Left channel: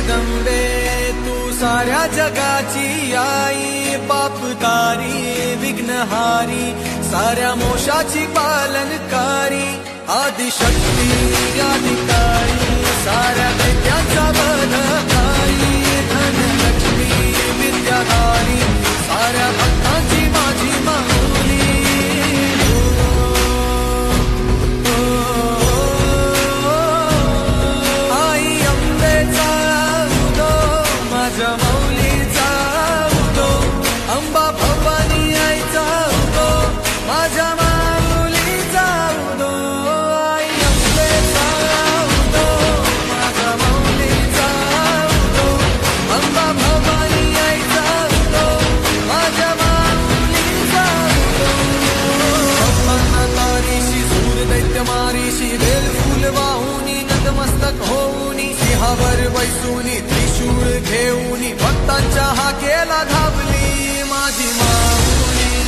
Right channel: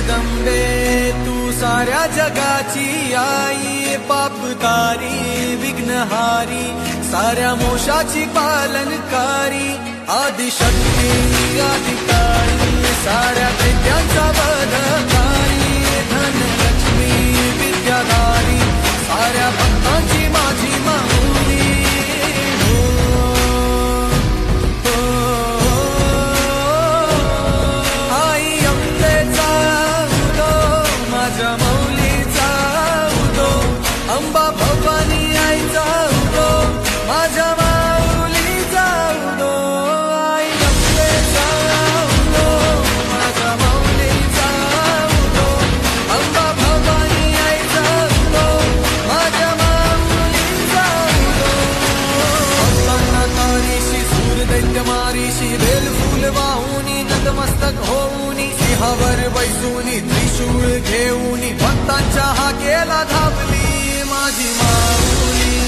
जगदंबे तू साऱ्या जगाची आई, पापतारी विघ्नहारी साऱ्या मोशाची पालनकारी, आदिशक्ती आदिकाळी साऱ्या दैत्यांचा वधकारी, धनलक्ष्मी विद्याधारी साऱ्या भक्तांची माझी माऊली। आई अंबेचा उदो माझ्या माऊलीचा उदो, अंबा भवानी आईचा उदो माझ्या माऊलीचा उदो। आई अंबेचा उदो माझ्या माऊलीचा उदो, अंबा भवानी आईचा उदो माझ्या माऊलीचा उदो। भक्तांना तारीशी सूर दैत्य मारीशी, बेल फूल वाहुनी नतमस्तक होऊनी, सिंहावर बैसूनी त्रिशूळ घेऊनी, भक्तांच्या हाकेला धावली माझी माऊली,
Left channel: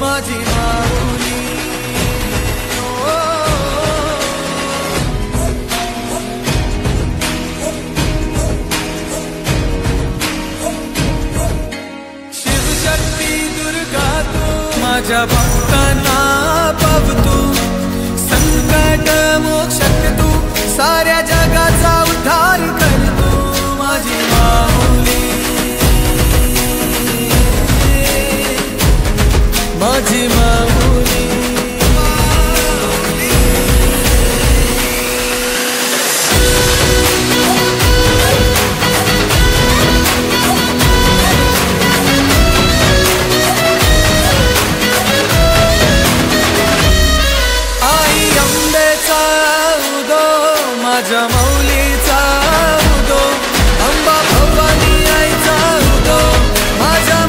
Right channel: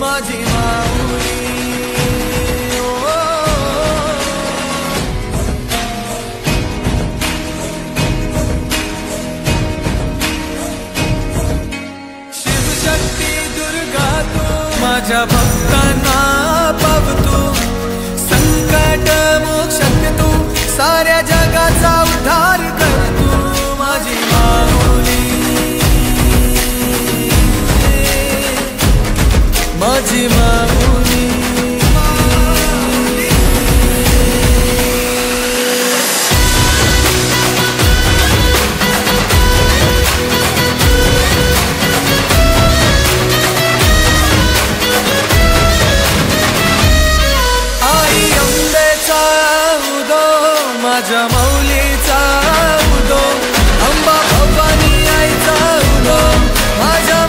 माझी माऊली। शिवशक्ती दुर्गा तू माझ्या भक्तांना पावतू, संकट मोक्षक तू साऱ्या जगाचा उद्धार कर तू माझी माऊली, माझी माऊली। आई अंबेचा उदो माझ्या माऊलीचा उदो, अंबा भवानी आईचा उदो माझ्या